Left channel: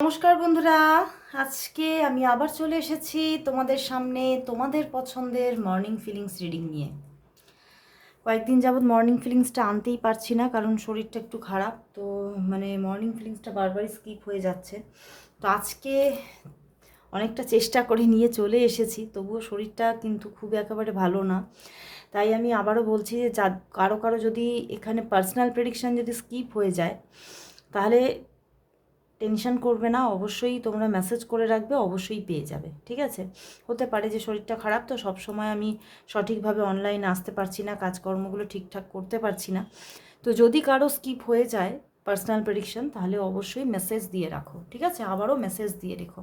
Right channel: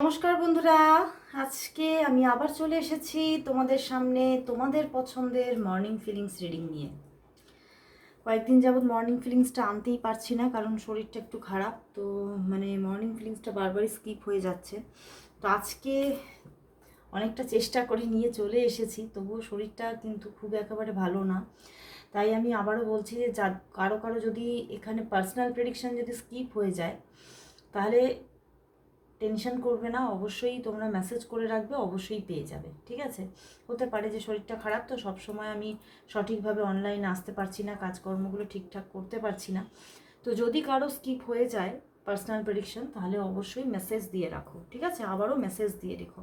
নমস্কার বন্ধুরা, আজকে আমি আবার চলে এসেছি তোমাদের সামনে তোমাদের পছন্দের মর্নিং ফিলিংস রিডিং নিয়ে। কয়েকদিন যাবৎ মর্নিং ফিলিংসটা আনতেই পারছি না, কারণ শরীরটা একটু খারাপ। তো মর্নিং ফিলিংসটা বারবারই স্কিপ হয়ে যাচ্ছে। তো আজকে অনেকটা চেষ্টা করে নিয়ে চলে এসেছি, তবুও শরীরটা কিন্তু খুব একেবারে ভালো না। তাই আমি আবারও বলছি যে কারো যদি এখানে পার্সোনাল প্রেডিকশান যদি স্কিপ হয়ে যায়, তাহলে টেনশন করবে না, অবশ্যই তোমরা মেসেজ করে রাখবে, অবশ্যই পেয়ে যাবে। ঠিক আছে? হতে পারে যে শরীরটা খারাপ, তো সবসময় আমি সঠিকভাবে অনলাইনে আসতে পারছি না, কাজকর্মগুলো ঠিকঠাক করতে পারছি না। তো যদি কারো স্কিপ হয়ে যায় পার্সোনাল প্রেডিকশন, তাহলে অবশ্যই মেসেজ দিয়ে রাখো। ঠিক আছে? আবারও মেসেজ দিয়ে রেখো।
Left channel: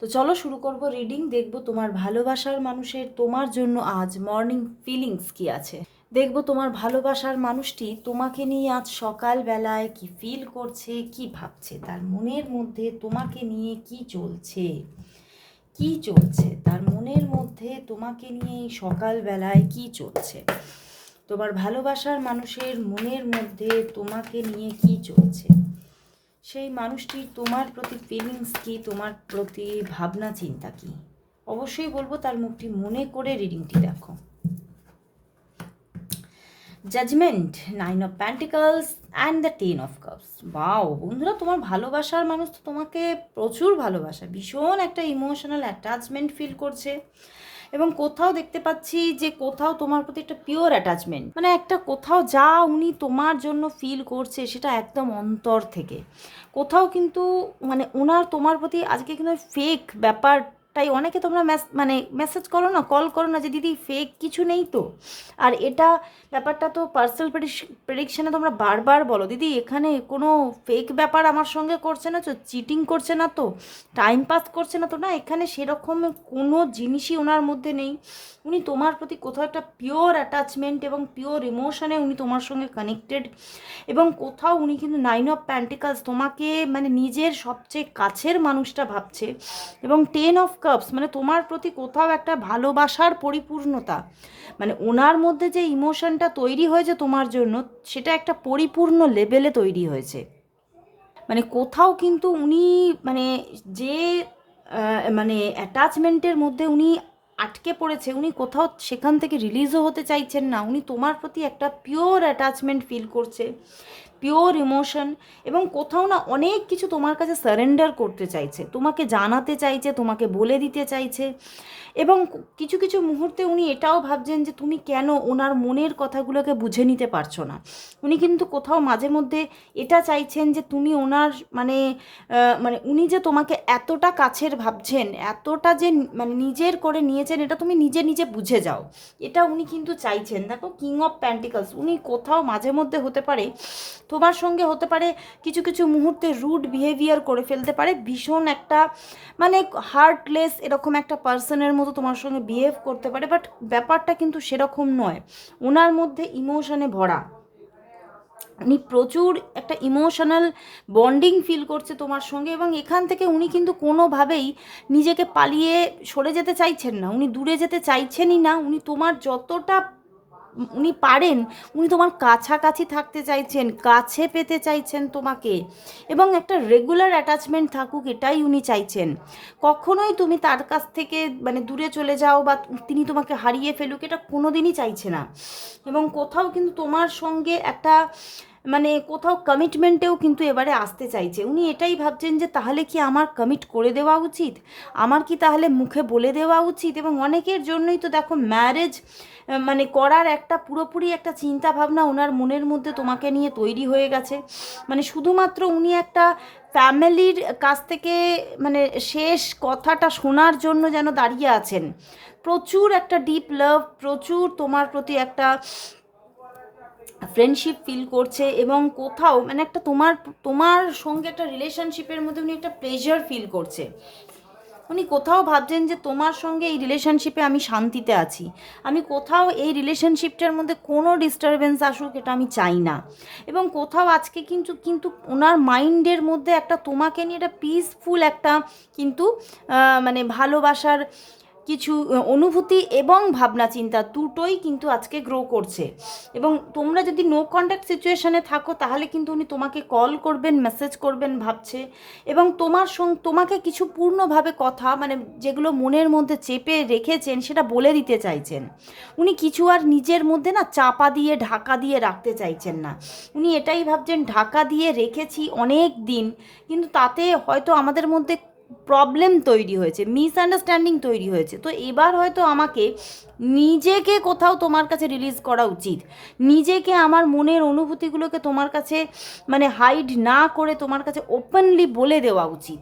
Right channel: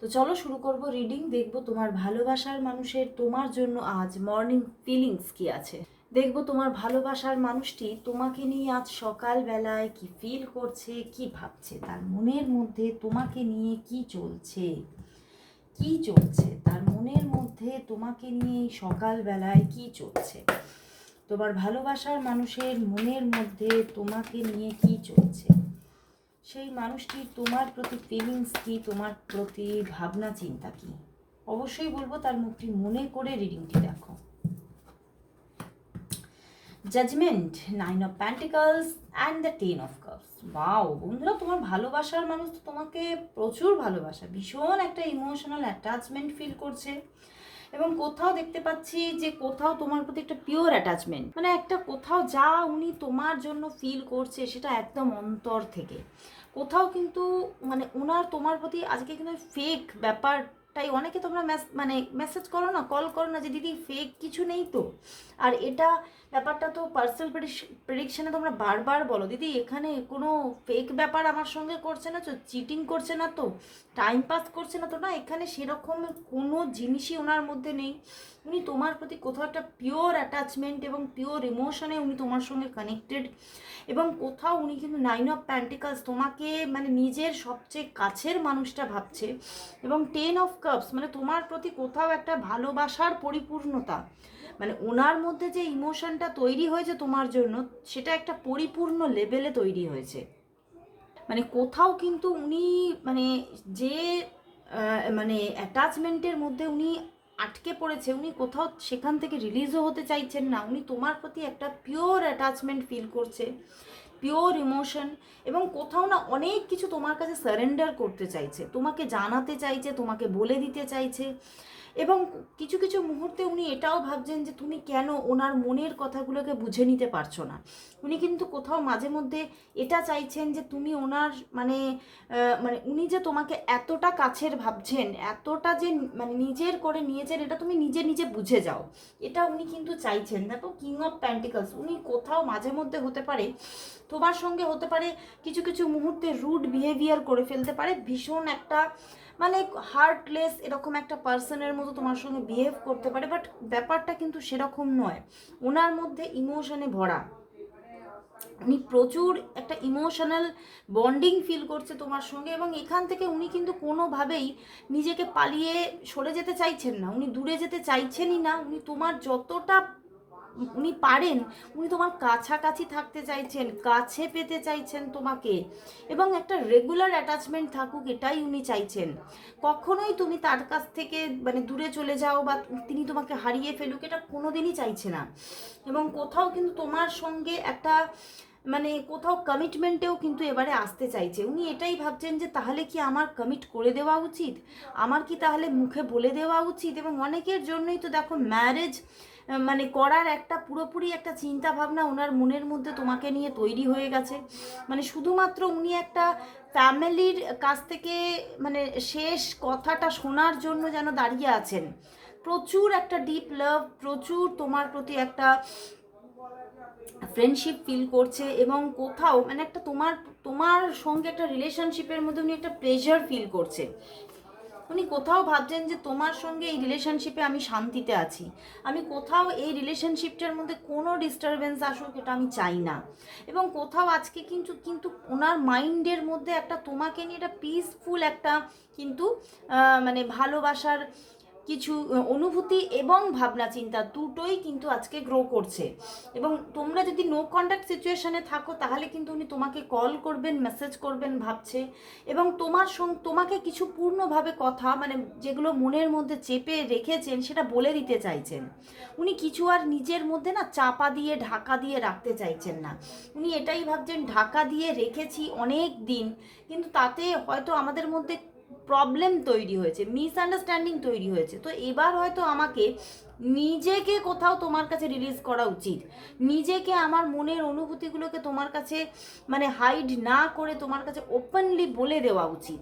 তো চলো শুরু করব রিডিং। দেখব তোমার ভালোবাসার মানুষের তোমার জন্য আজ মর্নিং ফিলিংস কি আছে। দেখব তোমার ভালোবাসার মানুষটি তোমাকে নিয়ে আজ সকালবেলায় কি ফিল করছে, কি ভাবছে, তার মনের মধ্যে তোমাকে নিয়ে কি চলছে, তার মনের মধ্যে তোমাকে নিয়ে সকালবেলায় কি চলছে। তোমার ভালোবাসার মানুষের মনের মধ্যে তোমাকে নিয়ে কি চলছে, সেই মানুষটির তোমার প্রতি ফিলিংস কি, তোমার প্রতি ভাবনা চিন্তা কি। অবশ্যই বলবো তার মুখটি মনে করে রিডিংটি দেখো। Judgement, 9 of pentacles and the 10 of cups. Wow বন্ধুরা, তোমার ভালোবাসার মানুষ তো তোমাকে প্রচুর ভালোবাসা, ভীষণ একটা ইমোশনাল অ্যাটাচমেন্ট ফিল করছে। এবং কোথাও দেখতে পাচ্ছি যে কোথাও তোমার প্রতি একটা পিওর অ্যাটাচমেন্ট, একটা কোথাও যা উনি তোমার জন্য ফিল করছে সেটা একদম অন্তর থেকে। কোথাও কিন্তু ওনার তোমার প্রতি আজকে কিন্তু ফেক ব্যাপারটাই, অনেকে তোমরা মেসেজ করো না, কল করো না যে দিদি ফেক কিছু নেই তো। আর এটা ব্যাপারটা তো পার্সোনাল প্রেডিকশানে তোমরা বারবার বলো, দিদি এখানে কোনো ফেক ব্যাপার আমার সঙ্গে করছে না তো, চিটিং করছে না তো, টাইম পাস করছে না তো। না, এখানে সেরকম কোনো জিনিসই ওনার মধ্যে নেই। উনি তোমার প্রতি কোথাও একটা পিওর অ্যাটাচমেন্ট এবং পিওর ইমোশনে উনি তোমার সঙ্গে কানেক্টেড। এবং কোথাও উনি কিন্তু 9 অফ প্যান্টিকলস তোমাকে নিজের সবচেয়ে কাছের মানুষটা ভাবছে। এবং 10 অফ কাপস তোমার প্রতি কোথাও একটা ভালোবাসার পরিপূর্ণতা, ওনার মধ্যে যে ইমোশনটা তৈরি হয়েছে তোমার জন্য, সেটা একটা পরিপূর্ণ লেভেলে তৈরি হয়েছে। কোথাও কিন্তু উনি যে অ্যাটাচমেন্টের মধ্যে উনি আটকে পড়েছে, উনি কোথাও সেখান থেকে রিলিজও হতে চাইছেন না। উনি তোমার প্রতি একটা পিওর অ্যাটাচমেন্ট ফিল করছে, পিওর ইমোশন। এবং কোথাও না অনেক কিছু তোমার কাছে সারেন্ডার করতে চাইছে, তোমাকে জানাতে চাইছে, তোমাকে বলে দিতে চাইছে। এবং কিছু কিছু মুহূর্তে উনি এটাও ভাবছেন যে তুমি কেন ওনার মনের কথাগুলোকে বুঝে নিতে পারছো না। উনি কিন্তু কোথাও মাঝে মধ্যে এটা চাইছেন যে তুমি ওনার উনি যে তোমাকে এতটা কাছের ভাবছেন, এতটা যে নিজের করে নিয়েছেন, এটা তুমি নিজে নিজে বুঝে যাও, এটা উনি কিন্তু চাইছেন। দেখো, কিং অফ প্যান্টিকলস, উনি কোথাও মাঝে মধ্যে হতে পারে তোমার সঙ্গে, হতে পারে কিছু কিছু মুহূর্তে রুড বিহেভিয়ার করে ফেলতে পারে, ভীষণ একটা হার্টলেস এরকম একটা পার্সনের মতো তোমার সঙ্গে বিহেভ করতে পারে। বাট ব্যাপারটা কিন্তু সেরকম নয়, ওনার মধ্যে ইমোশনে ভরা। উনি প্রচুর একটা ইমোশনাল বন্ডিং ফিল করছে তোমার সঙ্গে। এবং এখান থেকে উনি কিন্তু কোনোভাবেই নিজেকে পালিয়ে সরে যেতে চাইছেন না, উনি দূরে যেতে চাইছেনই না। উনি তোমার যতটা উনি পারেন, উনি তোমার কাছাকাছি থাকতে চাইছেন, কাছে পেতে চাইছেন তোমাকে। এবং একটা রেগুলার অ্যাটাচমেন্ট থাকুক, এটাই উনি চাইছেন। কখনোই তুমি তার কাছ থেকে দূরে চলে যাও বা তিনি তোমাকে হারিয়ে ফেলুক, এটা কোনো দিনই চাইছে না। এবং কোথাও কিন্তু তোমার সঙ্গে একটা কোথাও কমিটমেন্টেও কিন্তু এবারে আসতে চাইছে। উনি এটাই ভাবছেন যে তাহলে কি আমার কমিট করে দেওয়া উচিত, আমার কি তাহলে মুখে বলে দেওয়া উচিত। এবং অনেকের জন্যই তো দেখো ম্যারেজ করার একটা পুরোপুরি একটা চিন্তা ভাবনা ওনার মনের মধ্যে তোমাকে নিয়ে তৈরি হয়ে গেছে। শুধুমাত্র উনি একটা ফ্যামিলির কাছ থেকে শেষ কথাটা শোনার জন্য যেন দাঁড়িয়ে আছেন। প্রচুর একটা ডিপ লাভ, প্রচুর তোমার প্রতি একটা ফ্রেন্ডশিপ ফিল করছে। এবং কোথাও একটা তোমার তোমার সঙ্গে একটা রিলেশনশিপের মধ্যে উনি একটা প্লেজার ফিল করছে। উনি কোথাও ভাবছেন যে তোমার সঙ্গে এই রিলেশনশিপে আমি শান্তিতে আছি, আমি কোথাও এই রিলেশনশিপটার মধ্যে কোনো ডিস্টারবেন্স আসুক, এটা আমি চাই না। এবং কোথাও আজকে কিন্তু কিন্তু ওনার মাইন্ডের মধ্যে একটা তোমাকে নিয়ে একটা পিসফুল একটা কিন্তু ভালোবাসার কিছু অনুভূতি এবং ভাবনা চিন্তা দুটোই কিন্তু আজকে গ্রো করছে। এবং তোমরা যদি নো কন্ট্যাক্ট সিচুয়েশানে থাকো তাহলে কিন্তু উনি তোমাকে কল করবেন, মেসেজ করবেন ভাবছে, এবং তোমাকে কিছু পূর্ণভাবে কথা মানে যেগুলো মনের মধ্যে চেপে রেখেছেন সেটা বলে দিতে চাইছেন। উনি কিছু আর নিজের মধ্যে না চাপা দিয়ে ঢাকা দিয়ে রাখতে চাইছেন না। উনি এটাই ভাবছেন ঢাকা দিয়ে রেখেছি অনেক দিন, কিন্তু তাতে হয়তো আমাদের মধ্যে প্রবলেম তৈরি হয়েছে, মিসআন্ডারস্ট্যান্ডিং তৈরি হয়েছে। তো এবার হয়তো আমাকে নিজেকে কোথাও তোমার কাছে রিলিজ করা উচিত, নিজেকে আমার মনের অনুভূতিগুলোকে তোমার কাছে মানে হাইড না করে তোমার কাছে ওপেনলি বলে দেওয়া উচিত।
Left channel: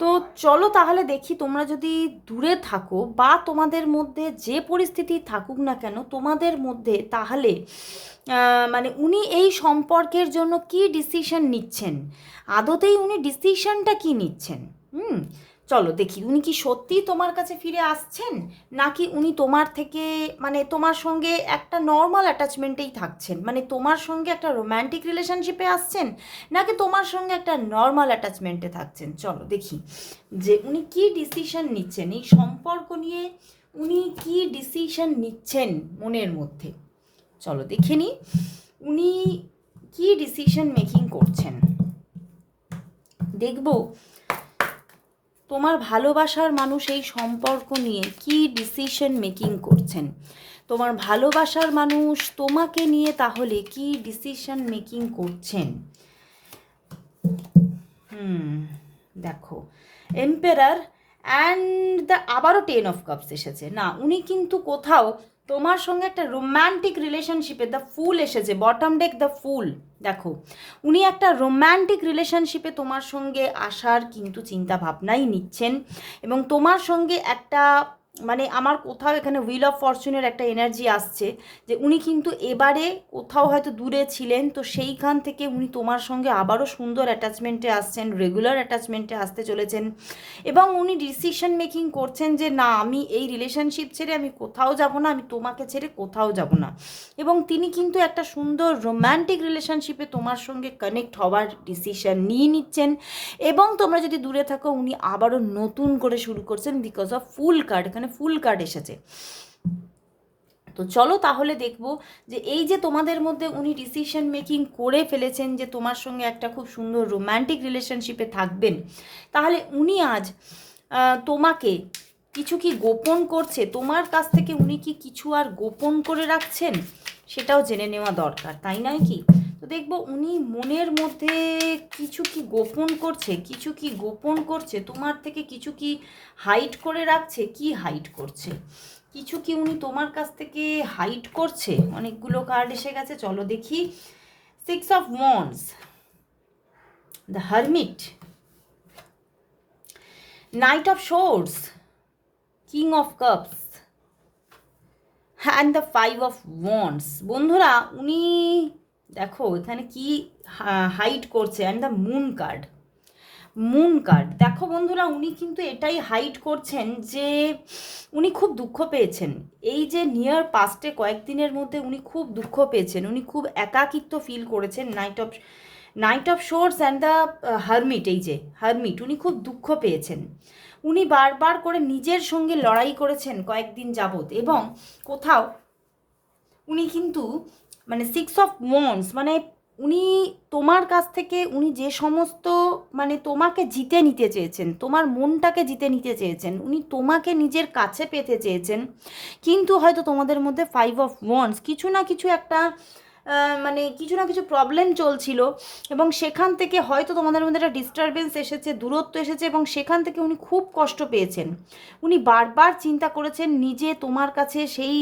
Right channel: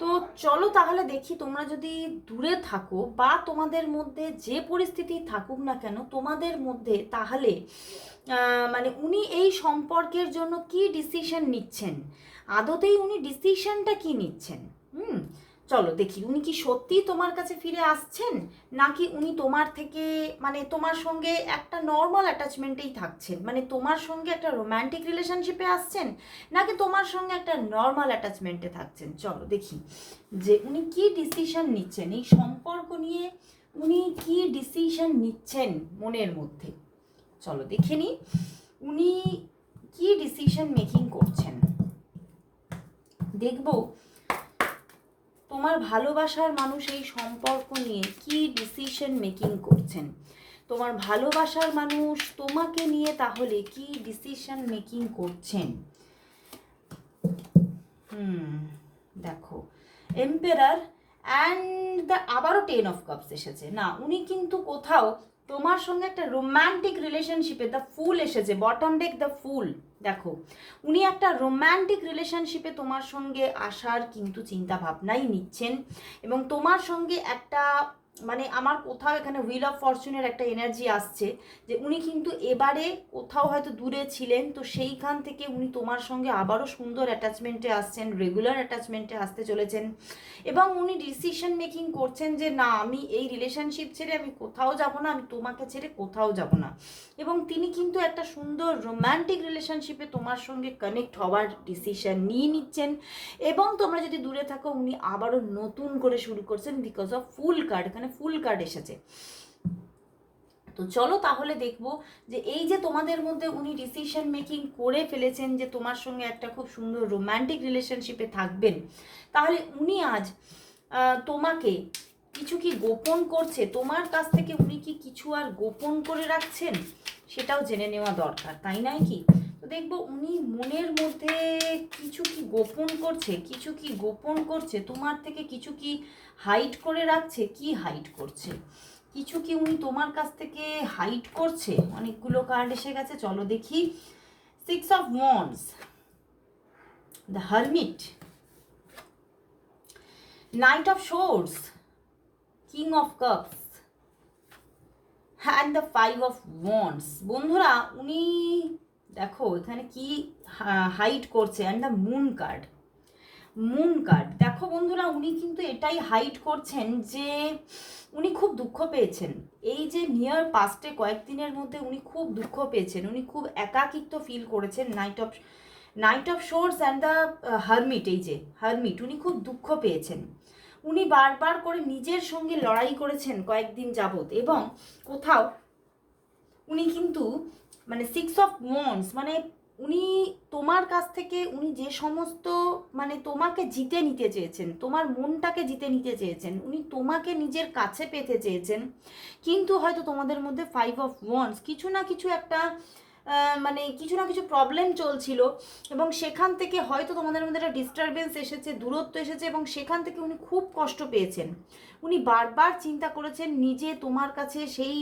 তো চলো তাহলে দেখি, তোমরা যদি দূরে থাকো বা তোমাদের মধ্যে যে পরিস্থিতি থাকুক না কেন তোমাদের মধ্যে, তাহলে মানে উনি এই সম্পর্কের জন্য কি ডিসিশন নিচ্ছেন, আদতেই উনি ডিসিশনটা কি নিচ্ছেন। চলো দেখি উনি কি সত্যিই তোমার কাছে ফিরে আসছেন, নাকি উনি তোমার থেকে মানে তোমার সঙ্গে একটা নর্মাল অ্যাটাচমেন্টেই থাকছেন, মানে তোমার সঙ্গে একটা রোম্যান্টিক রিলেশনশিপে আসছেন, নাকি তোমার সঙ্গে একটা নর্মাল অ্যাটাচমেন্টে থাকছেন। চলো দেখি যে উনি কি ডিসিশন নিচ্ছেন এই সম্পর্ক নিয়ে, উনি কি ডিসিশন নিচ্ছেন মনের মধ্যে। চলো দেখে নিই উনি কি ডিসিশন মেকিং করছেন। দেখব তোমার ভালোবাসার মানুষ এই সম্পর্ক নিয়ে কি ডিসিশন মেকিং করছেন। তোমার ভালোবাসার মানুষ তোমাকে নিয়ে তাহলে কি ডিসিশন মেকিং করছেন। দেখো এম্পেরার অ্যান্ড আবারও 10 অফ কাপস এসেছে। না, উনি কিন্তু কোথাও তোমার সঙ্গে একটা রোম্যান্টিক রিলেশনশিপে, দ্য ফুল এসেছে, বটম ডেক দ্য ফুল। দেখো উনি একটা রোম্যান্টিক রিলেশনশিপে তোমার সঙ্গে আসার কিন্তু চিন্তা ভাবনাই নিচ্ছেন, এবং তোমার সঙ্গে একটা মানে আমার কোথাও এখানে হুইল অফ ফরচুনের একটা এনার্জি আসছে যে উনি কিন্তু এবারে কোথাও হয়তো দূরে ছিলেন, তো সেইখান থেকে উনি তোমার সঙ্গে আবারও সুন্দর অ্যাটাচমেন্টে আসছেন, রেগুলার অ্যাটাচমেন্টে আসতে চলেছেন, এবং উনি ডিসিশন মেকিং করছেন যে না, আমি এই রিলেশনশিপ ছেড়ে আমি কোথাও যাব না, আমি তোমাকে ছেড়ে কোথাও যাব না। এবং তিনি কিন্তু একটা সুন্দর রোম্যান্টিক রিলেশনশিপে তোমার সঙ্গে কানেক্ট হওয়ার ডিসিশন নিয়ে নিচ্ছেন, এবং তোমরা যদি দূরে থাকো উনি আবারও নতুন করে শুরু করছেন বিকজ অফ ফুল কার্ড, এখানে ফুল কার্ড এসেছে। তো চলো তাহলে দেখবো যে এই যে তোমাদের মধ্যে উনি ডিসিশন মেকিং করে ফেলেছেন যে তোমার সঙ্গে একটা খুব সুন্দর রোম্যান্টিক রিলেশনশিপে থাকবেন, তাহলে উনি আজ তোমাকে কিছু কি গোপন করছে, তোমার কাছ থেকে উনি কি কিছু আর গোপন করে রাখছেন, সেটাও জেনে নেওয়া দরকার, তাই নয় কি। তো দেখবো উনি মনের মধ্যে কিছু কি গোপন করছে, কিছু কি গোপন করছে তোমার থেকে, কিছু কি হাইড করে রাখছে, কি হাইড করছে, কিছু কি উনি তোমার কাছ থেকে হাইড করছে। অনেকগুলো কার্ড এসে গেছে, চলো দেখি। 6 of wands, the hermit, night of swords, king of cups and the 5 of wands. বন্ধুরা উনি দেখো এখানে কি হাইড করছে, and the moon card, moon card. দেখো বন্ধুরা উনি কিন্তু এটাই হাইড করছেন যে উনি খুব দুঃখ পেয়েছেন, এই যে নিয়ার পাস্টে কয়েকদিনের মধ্যে উনি খুব দুঃখ পেয়েছেন, উনি খুব একাকিত্ব ফিল করেছেন। Night of swords and the hermit, এই যে হারমিট, উনি খুব দুঃখ পেয়েছেন, উনি বারবার করে নিজের সঙ্গে লড়াই করেছেন কয়েকদিন যাবৎ, এবং কোথাও উনি কিন্তু মানে 6 অফ ওয়ান্ডস মানে উনি তোমার কাছ থেকে উনি যে সমস্ত মানে তোমাকে জিতে নিতে চেয়েছেন, তোমার মনটাকে জিতে নিতে চেয়েছেন, উনি তোমাকে নিজের কাছে পেতে চেয়েছেন, কিন্তু হয়তো তোমাদের মধ্যে 5 অফ ওয়ান্ডস কিছু না কিছু একটা মানে কিছু না কিছু প্রবলেম চলছিল, এবং সেখান থেকে হয়তো তোমাদের মধ্যে একটা ডিস্টারবেন্স এসেছে, দূরত্ব এসেছে, এবং সেখান থেকে উনি খুব কষ্ট পেয়েছেন। উনি বারবার চিন্তা করেছেন নিজে তোমার কাছে সেই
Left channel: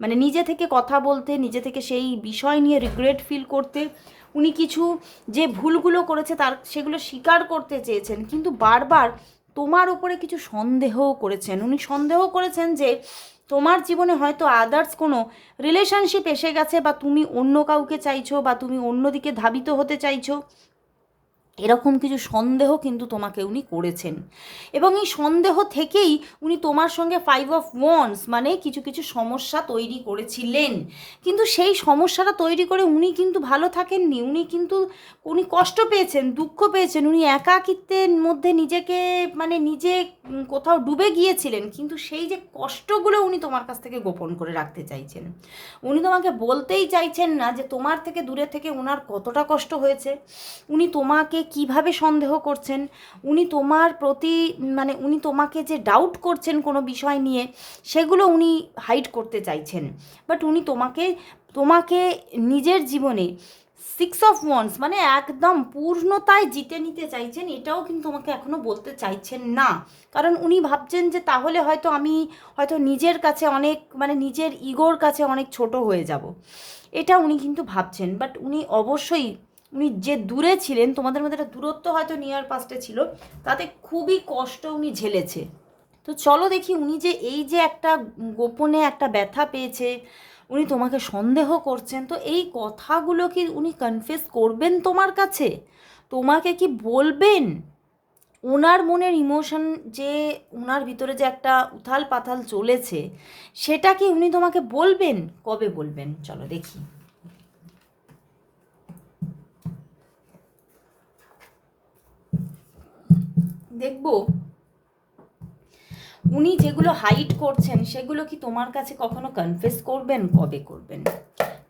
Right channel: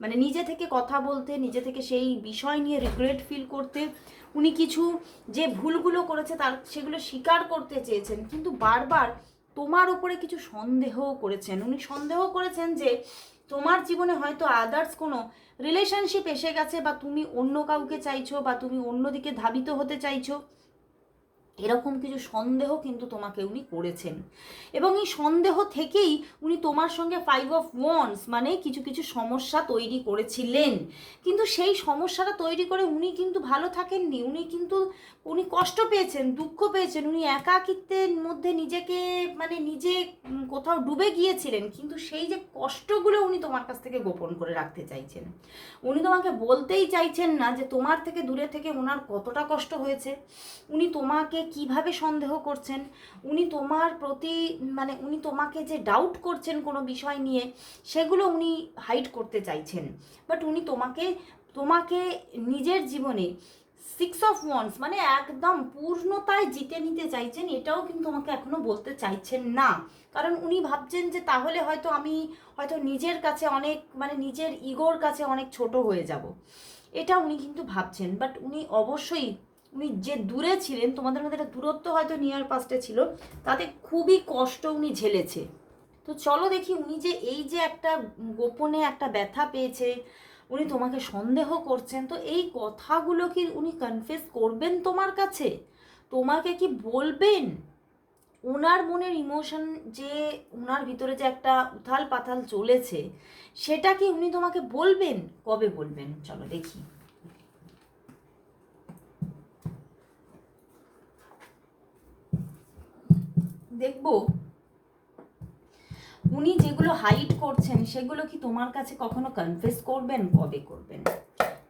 মানে নিজে থেকে কথা বলতে, নিজে থেকে সেই বিষয় নিয়ে রিগ্রেট ফিল করতে, উনি কিছু যে ভুলগুলো করেছে তার সেগুলো স্বীকার করতে চেয়েছেন, কিন্তু বারবার তোমার উপরে কিছু সন্দেহও করেছেন। উনি সন্দেহ করেছেন যে তোমার জীবনে হয়তো আদার্স কোনো রিলেশনশিপ এসে গেছে, বা তুমি অন্য কাউকে চাইছো, বা তুমি অন্যদিকে ধাবিত হতে চাইছো, এরকম কিছু সন্দেহ কিন্তু তোমাকে উনি করেছেন, এবং এই সন্দেহ থেকেই উনি তোমার সঙ্গে 5 of Wands মানে কিছু কিছু সমস্যা তৈরি করেছিলেন। কিন্তু সেই সমস্যাটা তৈরি করে উনি কিন্তু ভালো থাকেননি, উনি কষ্ট পেয়েছেন, দুঃখ পেয়েছেন, উনি একাকিত্বের মধ্যে নিজেকে মানে নিজে কোথাও ডুবে গিয়েছিলেন। কিন্তু সেই যে কষ্টগুলো উনি তোমার কাছ থেকে গোপন করে রাখতে চাইছেন, উনি তোমাকে বলতেই চাইছেন না যে তোমার থেকে দূরে থেকে ওনার কতটা কষ্ট হয়েছে, উনি তোমাকে কিভাবে সন্দেহ করছেন, উনি তোমার প্রতি মানে উনি তোমাকে যে ডাউট করছেন কোনো বিষয় নিয়ে, সেগুলো উনি হাইড করতে চাইছেন। বাট উনি তোমাকে তোমাকে নিজের জীবনে 6 of Wands মানে একদম পূর্ণতায় জিতে নিতে চাইছেন, এটাও কিন্তু তোমাকে এখনো বলতে চাইছেন না। কারণ উনি ভাবছেন যে তাহলে হয়তো আমি হয়তো নিজের কাছে অনেক মানে নিজের ইগোর কাছে অনেক ছোট হয়ে যাব, এটা উনি কিন্তু ভাবছেন। বাট উনি অবশ্যই উনি যে দূরে ছিলেন, তোমাদের মধ্যে একটা দূরত্ব হয়তো নিয়ার পাস্টে ছিল, তাতে খুবই কষ্ট উনি ঝেলেছে। তো চলো দেখি উনি যে এই যে একটা গোপনে একটা ব্যথা পেয়েছে, উনি তোমাকে সন্দেহ করছেন, তো এই কথাগুলো কি উনি কনফেস করবেন তোমার কাছে, তোমাকে কি বলবেন? ওনার মনের ইমোশন যে ওনার ভিতরে যে একটা উথাল পাথাল চলেছে, সেটা কি উনি তোমাকে বলবেন? কবে বলবেন চলো দেখি। দেখবো উনি যেগুলো হাইড করছেন সেগুলো কি তোমার কাছে কখনো কনফেস করবেন, কবে করবেন।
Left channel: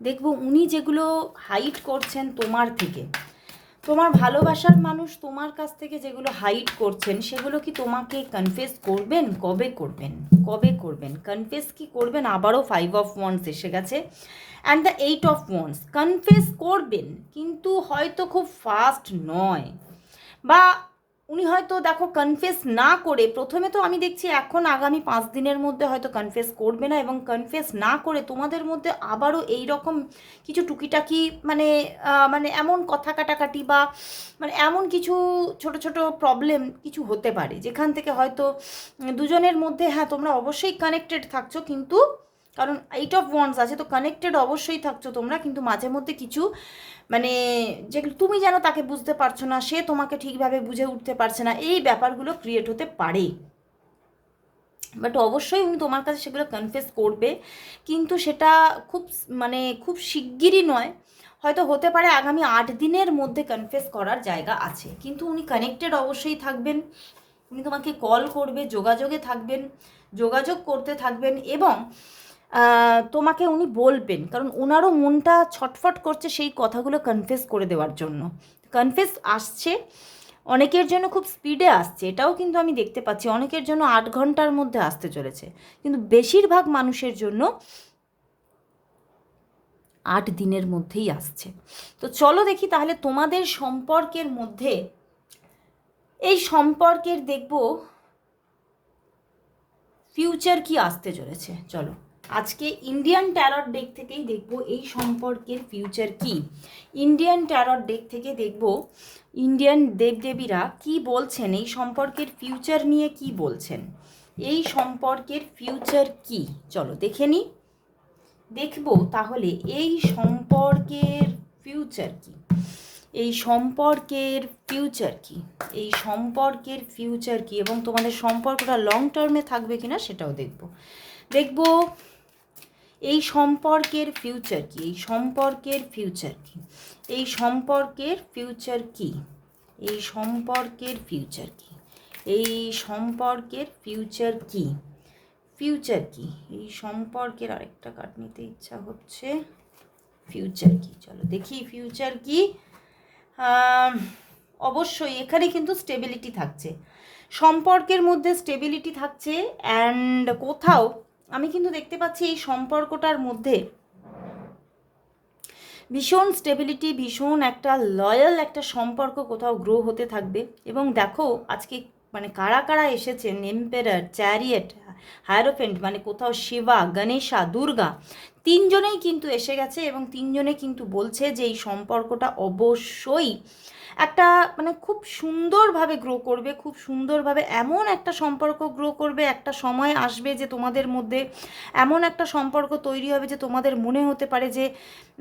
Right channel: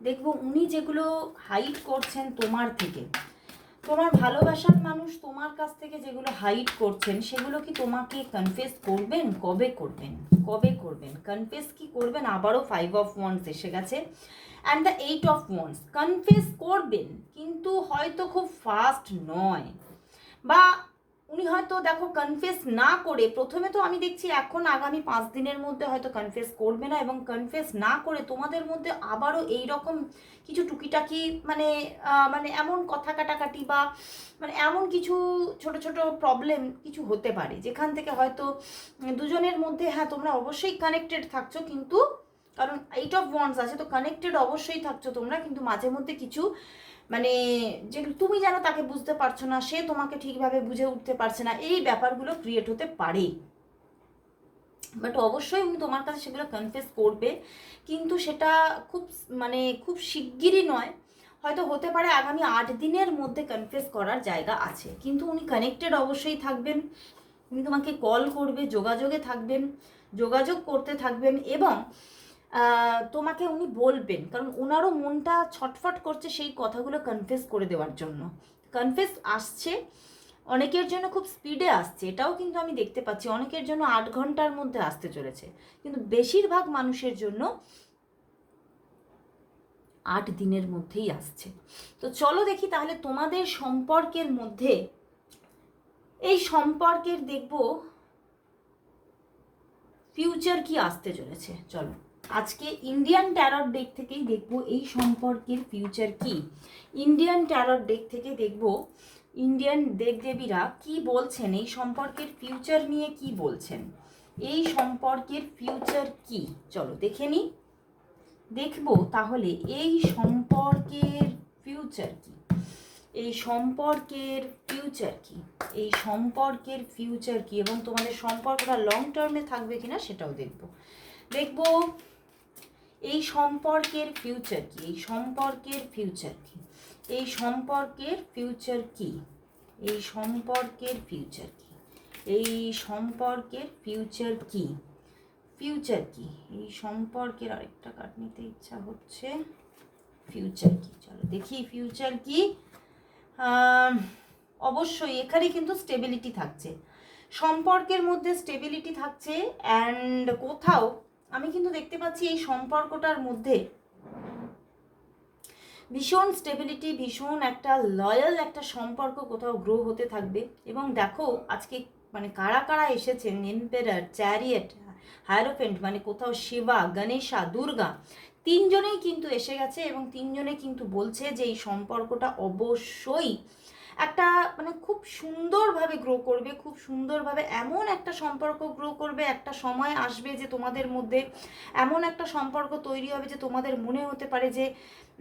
দেখবো উনি যেগুলো হাইড করছেন তোমার থেকে, তোমার ভালোবাসার মানুষ তোমার কাছ থেকে যেগুলো হাইড করছেন, সেগুলো কি তোমাকে কনফেস করবেন, কবে করবেন, কবে করবেন কনফেস কি করবেন? আবারও 5 of Wands এসে গেছে and the 8 of Wands। Confess করবেন কিন্তু হয়তো খুব ফাস্ট নয়, বা উনি হয়তো দেখো কনফেস না করে প্রথমে তো আমি দেখছি এখন আগামী 5 দিনের মধ্যে হয়তো কনফেস করবে না, এবং কনফেস না করে তোমাদের মধ্যে আবারও এই রকম কিছু টুকিটাকি মানে মানে এমন কথা কাটাকাটি বা মানে এমন কিছু ছোট ছোট প্রবলেম কিছু হতে পারে, যেখান থেকে হয়তো দুজনের মধ্যে হ্যাঁ তোমরা অবশ্যই কানেক্টেড থাকছো, কিন্তু কারণ 8 of Wands আছে তো কানেক্টেড অবশ্যই থাকছো তোমরা, কিন্তু মাঝে মধ্যে কিছু মানে যেগুলো তুমি যেন তাকে বুঝতে পারছো না, সে তোমাকে ঠিকভাবে বুঝে উঠতে পারছে না, এই ব্যাপারগুলো ক্রিয়েট হতে পারে। বাট অবশ্যই উনি তোমার কাছে সেগুলো কনফেস করবে, কিন্তু সেটা খুব মানে খুব শিগগিরই নয়, হয়তো হতে পারে আগামী 8 দিনের মধ্যে কনফেস করার জায়গা আছে। কিন্তু উনি কানেক্টেড অবশ্যই থাকবেন, উনি তোমাকে কল করবে, যোগাযোগে থাকবেন, যোগাযোগ করতে থাকবেন, এবং তোমাকে উনি বলবেন, কারণ ওনারও মনটা ছটফট করছে সেই কথাগুলো কনফেস করে দেওয়ার জন্য। কনফেস আসছে, অনেকের জন্য খুব স্পিডে আসছে, এটাও কিন্তু আমি দেখতে পাচ্ছি, অনেকের জন্য 8 ঘন্টার মধ্যে আসতে চলেছে, কিন্তু বেশিরভাগ মানুষের জন্য 8 দিনের মধ্যেই আসছে। তো চলো দেখি তাহলে তোমাদের সম্পর্কের মধ্যে, এই সম্পর্কের দেখব ফিউচার কি আসতে চলেছে। চলো আজকে ইন্ডিয়ান ট্যারট ডেক থেকেই দেখব এই সম্পর্কের ফিউচার কি। ইন্ডিয়ান ট্যারট ডেক থেকে দেখব ইন্ডিয়ান দেবদেবীরা কি বলছেন, এই সম্পর্কের ফিউচার নিয়ে কি বলছেন, এই সম্পর্কের ফিউচার কি। চলো দেখে নিই, দেখবো তাহলে এই সম্পর্কের ফিউচার কি, এই সম্পর্কের ফিউচার কি, এই সম্পর্কের ফিউচার কি, এবং তোমাদের সম্পর্কটা লং টার্মে থাকবে কিনা সেটাও দেখব। দেখব এই সম্পর্কের ফিউচার কি, এই সম্পর্কের ফিউচার কি, এই সম্পর্কের ফিউচার কি, এই সম্পর্কের ফিউচার কি, এই সম্পর্কের ফিউচার কি, ফিউচার কি, এই সম্পর্কের আরেকটা কার্ড নিতে ইচ্ছা হচ্ছে, ফিউচার কি। চলো দেখি ফিউচার কি। অবশ্যই এখানে কিন্তু স্টেবিলিটি থাকছে, সম্পর্কের মধ্যে স্টেবিলিটি থাকছে, অ্যান্ড কোথাও আমি কিন্তু দেখতে পাচ্ছি এই সম্পর্কটার মধ্যে ভীষণ স্টেবিলিটি, ভীষণ একটা লয়াল একটা সম্পর্ক কোথাও গ্রো হতে থাকবে। এবং দেখো আজকে মানে কারা কারা এসেছেন, এম্পেরার, চ্যারিয়েট, হায়ারোফেন্ট, মানে কোথাও শিবা, গণেশা, দুর্গা, তিনজনেই কিন্তু এসে গেছে, এবং তিনজনে কিন্তু বলছে যে এই সম্পর্কটা অবশ্যই একটা মানে খুব সুন্দরভাবে গ্রো করবে, খুব সুন্দরভাবে এমন একটা সম্পর্ক গ্রো করবে, একটা সময় আসবে যে তোমাদের মধ্যে এমন একটা সম্পর্ক তৈরি হবে যে তোমাদের মনে হতে পারে যে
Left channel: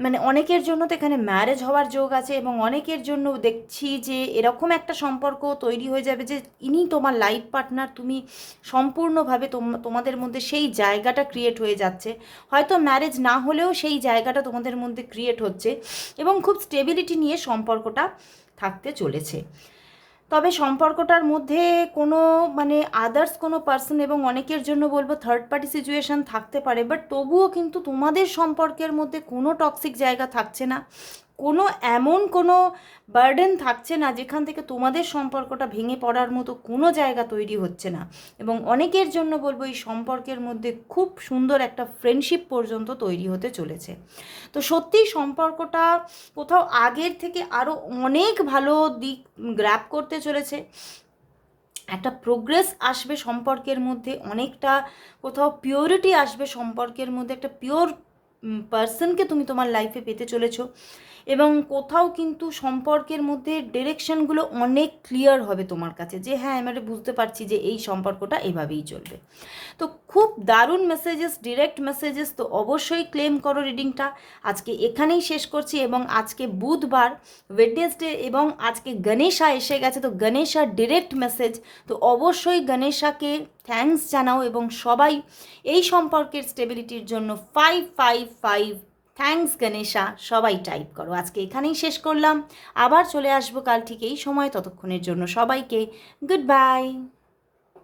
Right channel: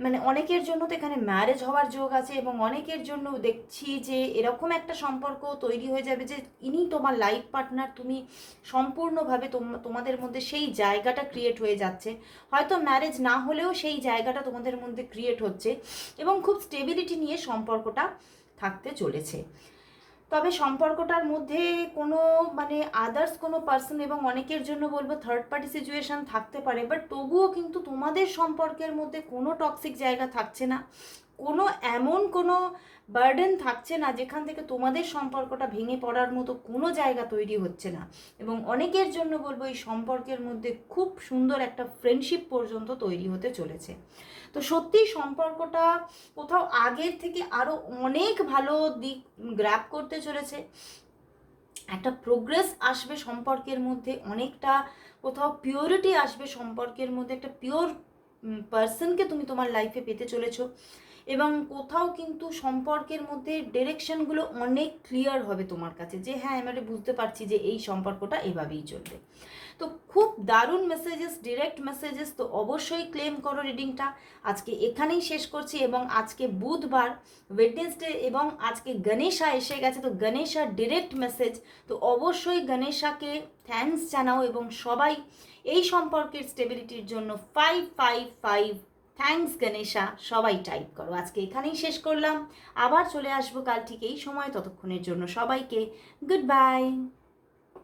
মানে অনেকের জন্য তো এখানে ম্যারেজ হওয়ার যোগ আছে, এবং অনেকের জন্য দেখছি যে এরকম একটা সম্পর্ক তৈরি হয়ে যাবে যে ইনি তোমার লাইফ পার্টনার, তুমি সম্পূর্ণভাবে তোমাদের মধ্যে সেই জায়গাটা ক্রিয়েট হয়ে যাচ্ছে। হয়তো ম্যারেজ না হলেও সেই জায়গাটা তোমাদের মধ্যে ক্রিয়েট হচ্ছে, এবং খুব স্টেবিলিটি নিয়ে সম্পর্কটা থাকতে চলেছে। তবে সম্পর্কটার মধ্যে কোনো মানে আদার্স কোনো পার্সন এবং অনেকের জন্য বলবো থার্ড পার্টি সিচুয়েশান থাকতে পারে, বাট তবুও কিন্তু তোমাদের সম্পর্কের মধ্যে কোনো টক্সিক জায়গা থাকছে না, কোনো এমন কোনো বার্ডেন থাকছে না যেখান থেকে তোমাদের সম্পর্কটা ভেঙে পড়ার মতো কোনো জায়গা তৈরি হচ্ছে না। এবং অনেকের জন্য বলবো এই সম্পর্কের মধ্যে খুব সুন্দর একটা ফ্রেন্ডশিপ পর্যন্ত তৈরি হতে চলেছে। তো সত্যিই সম্পর্কটা কোথাও আগের থেকে আরও অনেক ভালো দিক গ্র্যাব করতে চলেছে, একটা প্রোগ্রেস আসবে সম্পর্কের মধ্যে, অনেকটা কোথাও পিওরিটি আসবে সম্পর্কের মধ্যে, একটা পিওর পার্সনকে তুমি তোমার লাইফে পেতে চলেছো, এবং কোথাও কিন্তু সম্পর্কের মধ্যে ডিরেকশনগুলো অনেক ক্লিয়ার হবে তোমার কাছে, যে হ্যাঁ আমি বুঝতে পারছি যে এই সম্পর্কটা এভাবেই চলবে। তো খুব দারুণ মেসেজেস, ডিরেক্ট মেসেজেস, তো অবশ্যই ক্লেম করো রিডিংটা। আজকে এখানেই শেষ করছি, এবং আজকে বুধবার, ওয়েডনেসডে, এবং আজকে গণেশা এসে গেছে, তো গণেশার ডিরেক্ট মেসেজ, তো অবশ্যই গণেশাকে থ্যাঙ্কস জানাও, এবং সবাই এই সম্পর্কের স্টেবিলিটির জন্য 555 থ্যাঙ্কস গণেশা সবাই টাইপ করো। আজকে এখানেই শেষ করলাম, আবার চলে আসবো কাল ঠিক এই সময়, ততক্ষণের জন্য সবাইকে গুড বাই।